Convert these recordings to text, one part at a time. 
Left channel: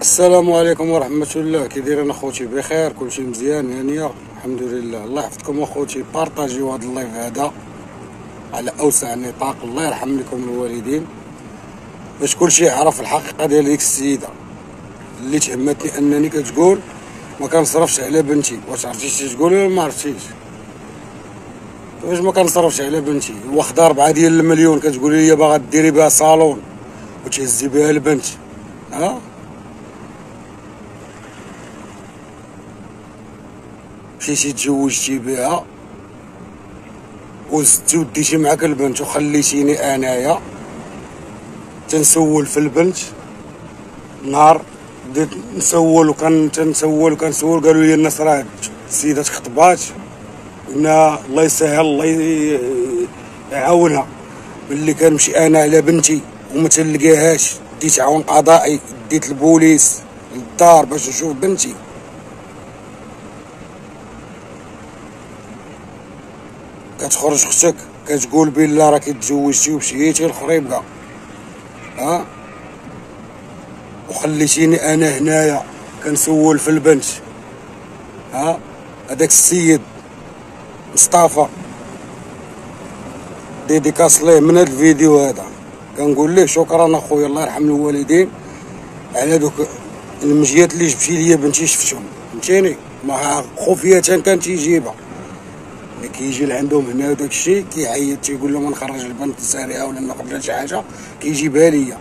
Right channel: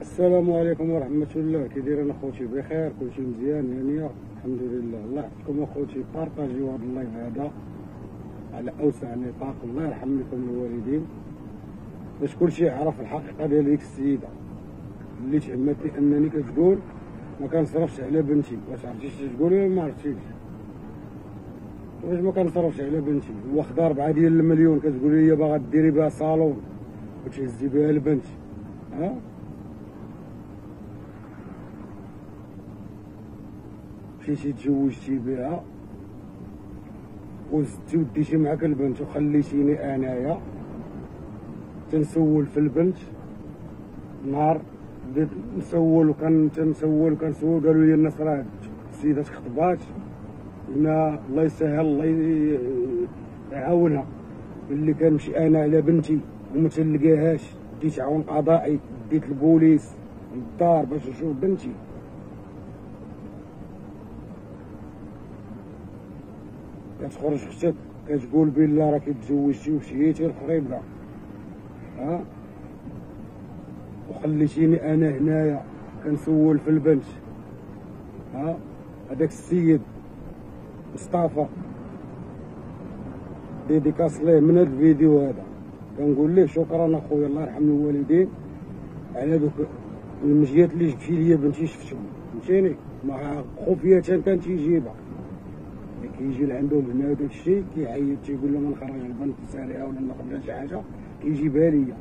السلام عليكم ورحمة الله. كي دايرين اخوتي؟ بخير؟ كلشي مزيان؟ هانية الحمد لله. الله يحفظكم اخوتي، بارطاجيو هذا اللايف هذا على اوسع نطاق. الله يرحم لكم الوالدين باش كلشي يعرف الحقيقة ديال ديك السيدة اللي تهمتني انني كتقول ما كنصرفش على بنتي. واش عرفتي تقولي ولا ما عرفتيش؟ واش ما كنصرفش على بنتي؟ واخده 4 ديال المليون كتقولي لي باغا ديري بها صالون وتهزي بها البنت. ها مشيتي تزوجتي بها وزدتي وديتي معاك البنت وخليتيني انايا تنسول في البنت. نهار بديت نسول تنسول قالوا لي الناس راه السيده تخطبات، قلنا الله يسهل الله يعاونها. ملي كنمشي انا على بنتي وما تلقاهاش ديت عون قضائي، ديت البوليس للدار باش نشوف بنتي. كتخرج اختك كتقول بلا راكي تزوجتي ومشيتي للخريبكه، ها، وخليتيني انا هنايا كنسول في البنت. ها، هذاك السيد مصطفى ديديكاس ليه من هذا الفيديو هذا، كنقول ليه شكرا اخويا الله يرحم الوالدين على دوك المجيات اللي جبتي ليا بنتي شفتهم، فهمتيني؟ ما خفيه كان تيجيبها ملي كيجي لعندهم هنا داك الشيء كيعيط تيقول لهم نخرج البنت سارعه ولا ناخذ شي حاجه كيجيبها ليا.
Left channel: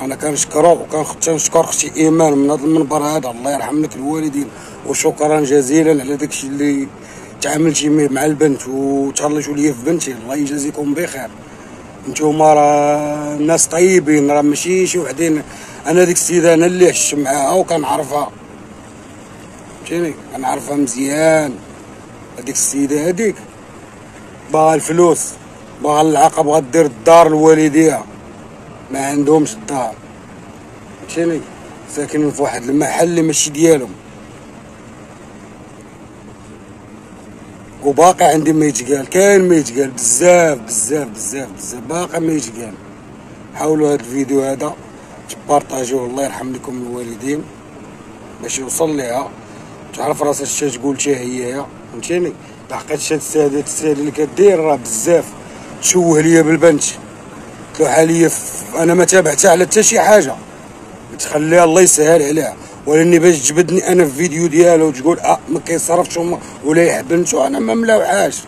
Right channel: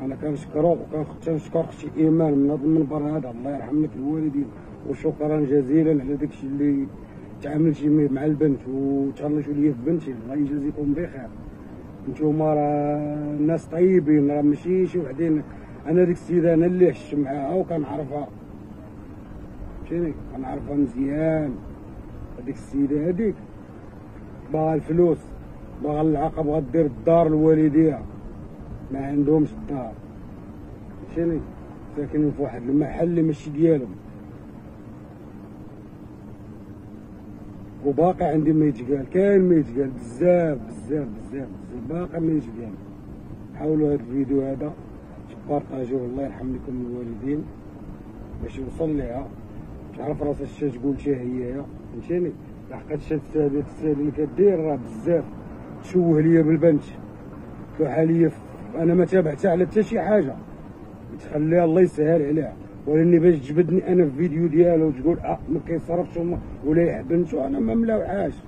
انا كنشكرو وكنشكر اختي ايمان من هذا المنبر هذا، الله يرحم لك الوالدين وشكرا جزيلا على داك الشيء اللي تعاملتي مع البنت وتهليتوا ليا في بنتي. الله يجازيكم بخير، نتوما راه ناس طيبين، راه ماشي شي وحدين. انا ديك السيده انا اللي عشت معاها وكنعرفها، فهمتيني؟ كنعرفها مزيان. هذيك السيده هذيك باغا الفلوس، باغا العاقه، بغا دير الدار لوالديها، ما عندهمش الدار، فهمتيني؟ ساكنين في واحد المحل اللي ماشي ديالهم. وباقي عندي ما يتقال، كاين ما يتقال بزاف بزاف بزاف بزاف، باقي ما يتقال. حاولوا هذا الفيديو هذا تبارطاجيوه الله يرحم لكم الوالدين باش يوصل ليها تعرف راسها اش تقول حتى هي، فهمتيني؟ لحقاش هاد السيد اللي كدير راه بزاف تشوه ليا بالبنت، تلوح ليا انا ما تابعتها على حتى شي حاجه، تخليها الله يسهل عليها. ولاني باش تجبدني انا في فيديو ديالها وتقول ما كيصرفش ولا يحب بنته، انا ما ملاوعاش.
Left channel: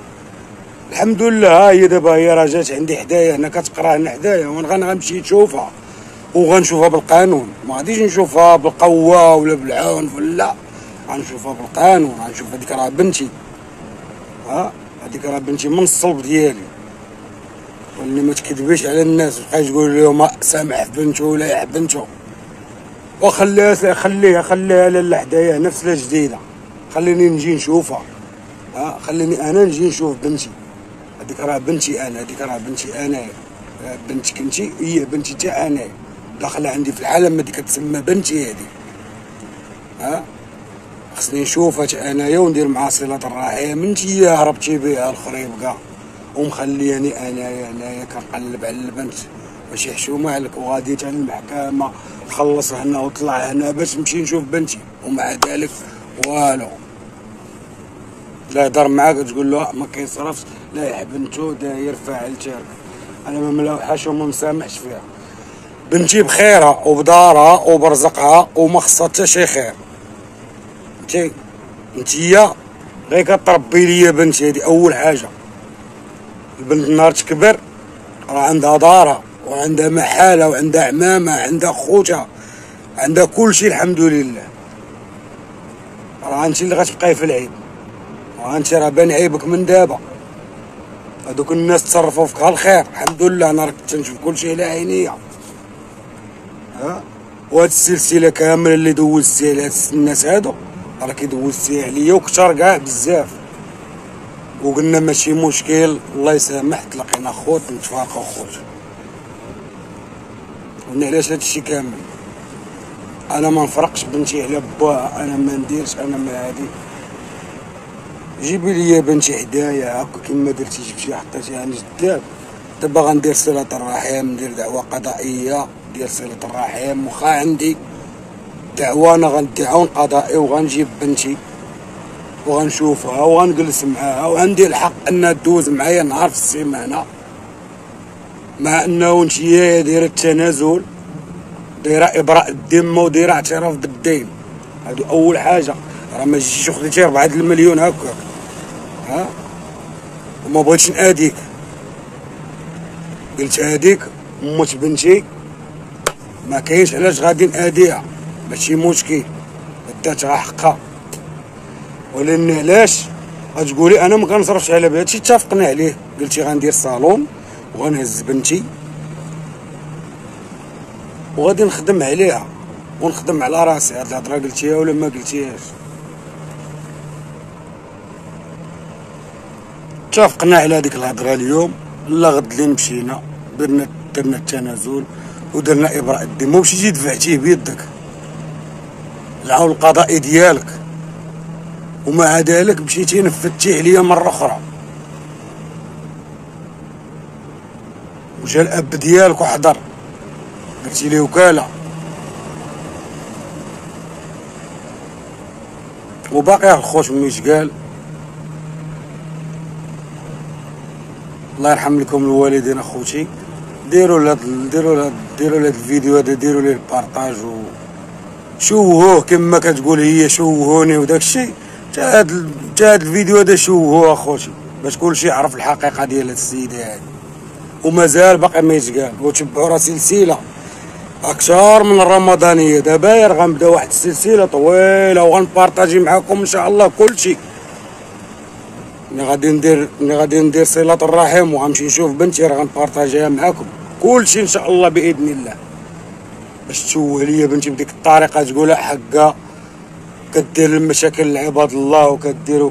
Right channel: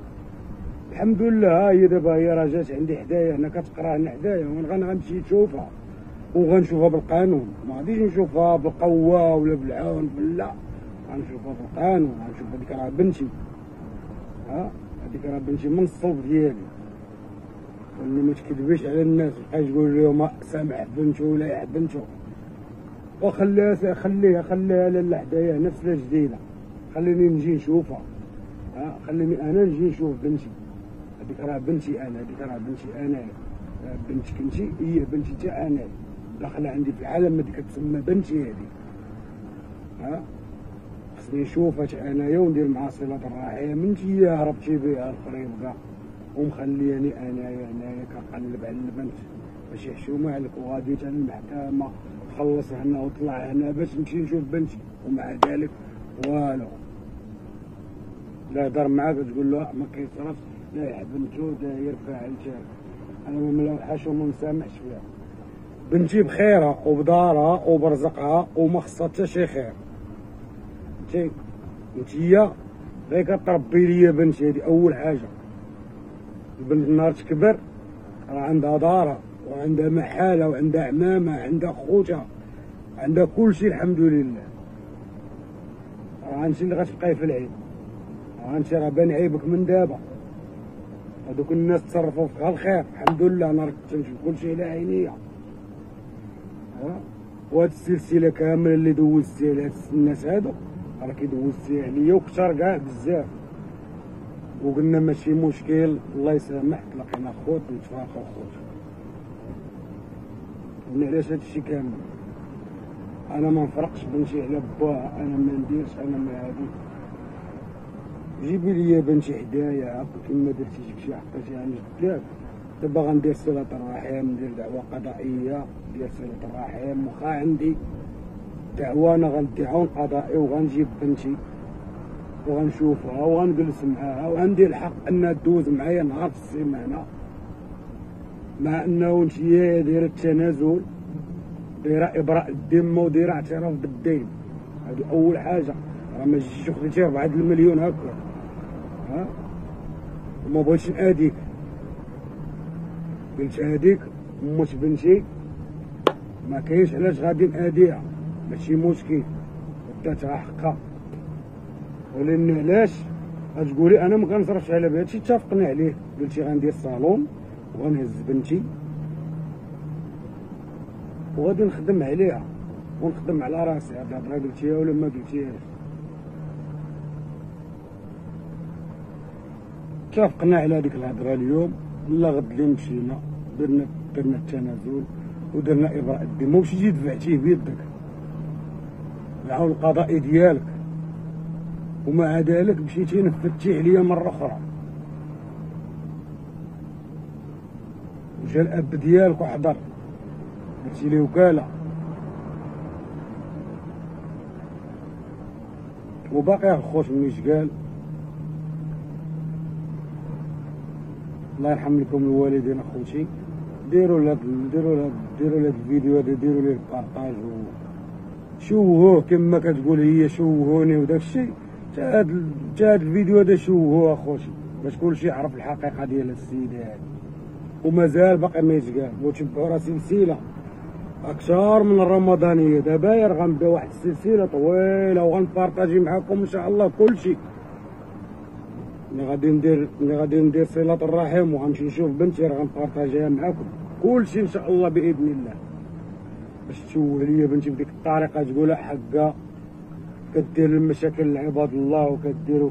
الحمد لله ها هي دابا هي راه جات عندي حدايا هنا كتقرا هنا حدايا، وانا غنمشي نشوفها وغنشوفها بالقانون، ما غاديش نشوفها بالقوه ولا بالعنف، لا غنشوفها بالقانون. غنشوف هذيك راه بنتي، ها هذيك راه بنتي من الصلب ديالي. واللي ما تكذبيش على الناس وتبقاي تقول لهم سامح في بنته ولا يحب بنته، خليها لاله حدايا نفس جديده، خليني نجي نشوفها. ها خليني انا نجي نشوف بنتي. هذيك راه بنتي انا، هذيك راه بنتي انا، بنتك انتي هي بنتي تاع انا، داخله عندي في العالم هذيك تسمى بنتي هذه. ها خصني نشوفها انايا وندير معها صله الرحم. انتي هربتي بها الخريبكه ومخلياني انايا كنقلب على البنت، ماشي حشومه عليك، وغاديت على المحكمه خلص هنا وطلع هنا باش نمشي نشوف بنتي، ومع ذلك والو. لا يهضر معاك تقول له ما كيصرفش، لا يحب بنتو داير فاعل تارك. انا ما ملاوحاش وما مسامحش فيها. بنتي بخيرها وبدارها وبرزقها وما خصها حتى شي خير. انتيا غير كتربي ليا بنتي، هادي اول حاجه. البنت نهار تكبر راه عندها دارها وعندها محالها وعندها عمامها، عندها خوتها، عندها كلشي الحمد لله. راه انت اللي غتبقاي في العيب، وانت راه بان عيبك من دابا. هادوك الناس تصرفوا فيك الخير الحمد لله، انا راك تنشوف كلشي على عينيا. ها وهاد السلسله كامله اللي دوزتي على هاد الناس هادو راكي دوزتي عليا وكثر كاع بزاف، وقلنا ماشي مشكل الله يسامح، تلاقينا خوت نتفارقوا خوت. قلنا علاش هادشي كامل؟ انا ما نفرقش بنتي على باها، انا ما نديرش، انا ما هادي. جيبي لي بنتي حدايا هكا كيما درتي، جبتيها حطيتيها عند جداب، دابا غندير صلة الرحم، ندير دعوة قضائية ديال صلة الرحم. واخا عندي دعوة انا غنديها قضائي وغنجيب بنتي وغنشوفها وغنجلس معاها، وعندي الحق انها دوز معايا نهار في السيمانة، مع انه نتيا دايرة التنازل، دايرة ابراء الذمة ودايرة اعتراف بالدين. هادو اول حاجة. راه ما جيتيش وخديتي 4 المليون هكاك، ها، وما بغيتش ناديك، قلت هاديك موت بنتي ما كاينش علاش غادي ناديها، ماشي مشكل، داتها حقها. ولكن علاش غتقولي انا ما كنصرفش على بها؟ هادشي اتفقنا عليه، قلتي غندير صالون وغنهز بنتي وغادي نخدم عليها ونخدم على راسي. هاد الهضره قلتيها ولا ما قلتيهاش؟ اتفقنا على هذيك الهضره اليوم. لا غد اللي مشينا درنا التنازل ودرنا ابراء الذمه ومشيتي دفعتيه بيدك العون القضائي ديالك، ومع ذلك مشيتي نفذتيه عليا مره اخرى. وجا الاب ديالك وحضر درتي ليه وكاله، وباقي الخوت ملي قال الله يرحم لكم الوالدين اخوتي. ديروا لهاد الفيديو هذا، ديروا ليه البارطاج وشوهوه كما كتقول هي، شوهوني وداك الشيء. تا هاد الفيديو هذا شوهوه اخوتي باش كلشي يعرف الحقيقه ديال هاد السيده هادي، ومازال باقي ما يتقال. وتبعوا راه سلسله اكثر من الرمضانيه. دابا غنبدا واحد السلسله طويله وغنبارطاجي معكم ان شاء الله كلشي. ملي غادي ندير صلة الرحم وغنمشي نشوف بنتي راه غنبارطاجيها معاكم كلشي ان شاء الله باذن الله، باش تشوه ليا بنتي بديك الطريقه تقولها حقا كدير المشاكل لعباد الله وكدير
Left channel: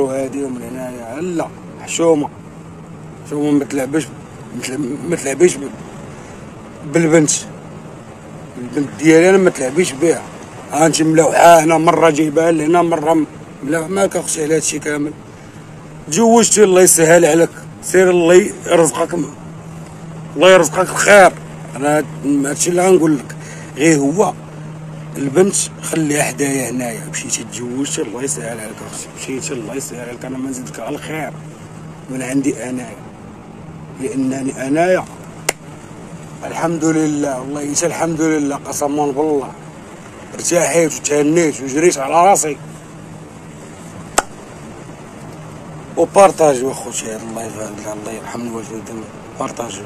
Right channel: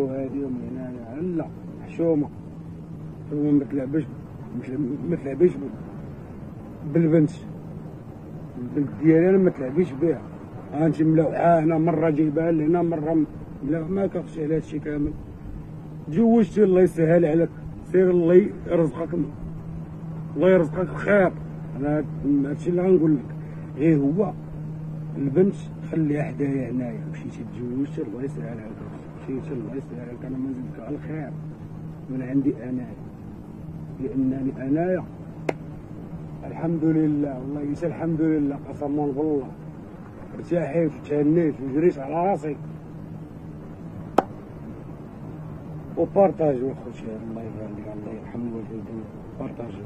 وهادي ومن هنايا. لا، حشومه ما تلعبيش بالبنت ديالي، انا ما تلعبيش بها. انت ملوحه هنا مره جايبها لهنا مره مالك اختي على هادشي كامل. تزوجتي الله يسهل عليك، سير الله يرزقك، الله يرزقك الخير. انا هادشي اللي غنقول لك. غير هو البنت خليها حدايا هنايا. مشيتي تزوجتي الله يسهل عليك اختي، مشيتي الله يسهل عليك. انا ما نزيدك على الخير من عندي انايا، لانني انايا الحمد لله، والله يسا الحمد لله قسما بالله ارتاحيت وتهنيت وجريت على راسي. وبارطاجيو اخوتي، الله يرحم الوالدين، بارطاجيو.